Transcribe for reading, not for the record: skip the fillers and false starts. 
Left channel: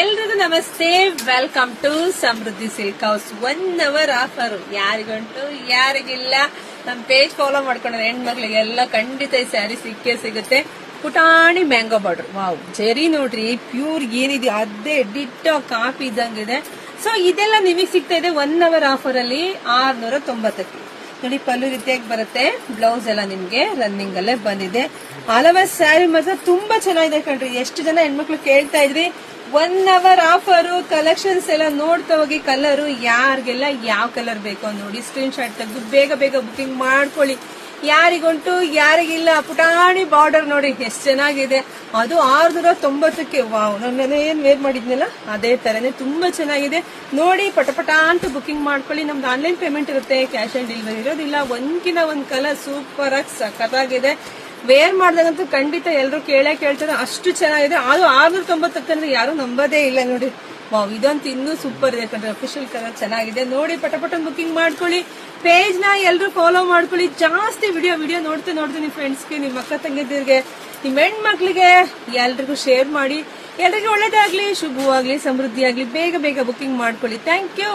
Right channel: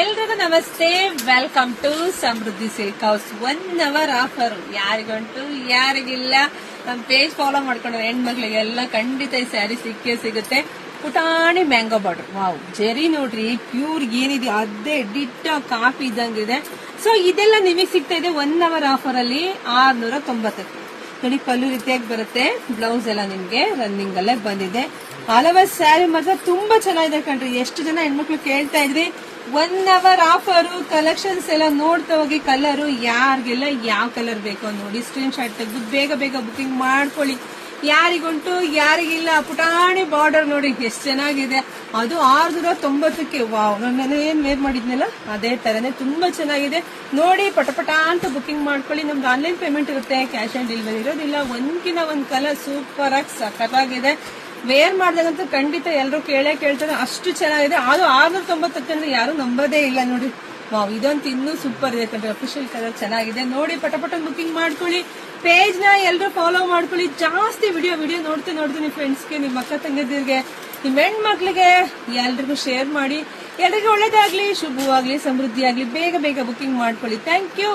ಎಲ್ರಿಗೂ ನಮಸ್ತೆ, welcome to Samruddhi silk house. 1 hour offer ಯಾರಿಗಂಟು ಯಾರಿಗಿಲ್ಲ. ನಮ್ ಪೇಜ್ ಫಾಲೋ ಮಾಡ್ಕೊಂಡ್ರೆ ಹೆಣ್ಮಕ್ಳಿಗೆಲ್ಲ ಖಂಡಿತ ಈ ಸ್ಯಾರಿ ಸಿಕ್ಕೇ ಸಿಗುತ್ತೆ. ಪುಟಾಣಿ ಮ್ಯಾಂಗೋ ಬಾರ್ಡರ್, ವಾವ್ ಜೆರಿ ನೋಡ್ರಿ, ಪ್ಯೂರ್ ಏನಿದೆ ಅದೇ ಡಿಟ್ಟೋ ಕಾಫಿ ಇದ್ದಂಗಿದೆ. ಸೊ ಇದೆಲ್ಲ ನಿಮಗೆ ಸಿಗ್ತಾ ಇದೆ 1 hour ಆಫರ್ ಅಲ್ಲಿ 690 ನೋಡಿ. ಪಲ್ಲು ರೀತಿಯಾಗಿ ಬರುತ್ತೆ, ಬ್ಲೌಸ್ ಎಲ್ಲ ನಿಮ್ಗೆ ರನ್ನಿಂಗ್ ಅಲ್ಲೇ ಬಂದಿದೆ. ಆಲ್ ಓವರ್ ಸ್ಯಾರಿ ಮಾತ್ರ ತುಂಬಾ ಚೆನ್ನಾಗಿದೆ ಕಣ್ರಿ. ಎಷ್ಟು ಜನ ಹೆಣ್ಮಕ್ಳು ಕೇಳ್ತಾ ಇದ್ರಿ 1 hour ಆಫರ್. ಕಲೆಕ್ಷನ್ಸ್ ಎಲ್ಲ ನೋಡ್ತಾ ಹೋಗಿ. ಕಲರ್ ಯಾರಿಗೆಲ್ಲ ಯಾವ ಕಲರ್ ಬೇಕೋ ನೋಡಿ ಸ್ಕ್ರೀನ್ ಶಾಟ್ ತೆಗೆದು ಬೇಗ ಬೇಗ ಬುಕಿಂಗ್ ಮಾಡ್ಕೊಳ್ಳಿ. ಯಾರಿಗುಂಟು ಯಾರಿಗಿಲ್ಲ. ಪುಟಾಣಿ ಬಾರ್ಡರ್ ನೋಡಿ ಎಷ್ಟು ಚೆನ್ನಾಗಿದೆ, ಅದು 690ಕ್ಕೆ. ವಾವ್, ನನ್ನ ಏನ್ ವೇರ್ ಮಾಡಿದ್ನಲ್ಲ ಅದೇ ತರನೇ ತುಂಬಾ ಚೆನ್ನಾಗಿದೆ ನೋಡಿ. ಪಟಪಟ ಅಂತ ಬುಕಿಂಗ್ ಮಾಡ್ಕೊಳ್ಳಿ. ನಮ್ದು ಆನ್ಲೈನ್ ಪೇಮೆಂಟ್ ಇರುತ್ತೆ, ಕ್ಯಾಶ್ ಆನ್ ಡೆಲಿವರಿ ಇರೋದಿಲ್ಲ. ಒಂದ್ಕಿನ ಒಂದ್ ಕಲರ್ ಸೂಪರ್ ಆಗಿ ಸಖತ್ತಾಗಿದೆ. ವೇರ್ ಮಾಡಿದಾಗಂತೂ ಖಂಡಿತ ಎಲ್ಲರೂ ಕೇಳ್ತಾರೆ, ಅಷ್ಟು ಚೆನ್ನಾಗಿದೆ. ಅದು 690 ಅಂದ್ರೆ ಯಾರು ನಂಬೋದೇ ಇಲ್ಲ ನೋಡಿ. ವಾವ್, ಇದಂತೂ ಇನ್ನೂ ಸೂಪರ್ ಇದೆ ಯಾಕಂದ್ರೆ ಅಫಿಷಿಯಲ್ ಕಲರ್ ಚೆನ್ನಾಗಿದೆ ನೋಡಿ. ಪಟಪಟ ಬುಕಿಂಗ್ ಮಾಡ್ಕೊಳ್ಳಿ. ಪೇಜ್ ನ ಎಲ್ಲರೂ ಫಾಲೋ ಮಾಡ್ಕೊಳ್ಳಿ. ಜಾಸ್ತಿ ವಿಡಿಯೋ ನೋಡ್ತಾ ನಿಮ್ ಫ್ರೆಂಡ್ಸ್ಗೆ, ನಿಮ್ ಅಕ್ಕ ತಂಗಿದಿರ್ಗೆ, ನಿಮ್ ಹೆಣ್ಮಕ್ಳಿಗೆ ಎಲ್ರಿಗೂ ಶೇರ್ ಮಾಡಿ. ಎಲ್ರಿಗೂ ಒಳ್ಳೇದಾಗ್ಲಿ, ಶುಭವಾಗ್ಲಿ, ಸಮೃದ್ಧಿ ಆಗ್ಲಿ. ಬೇಗ ಬೇಗ ಬುಕಿಂಗ್ ಮಾಡ್ಕೊಳ್ಳಿ. Thank you.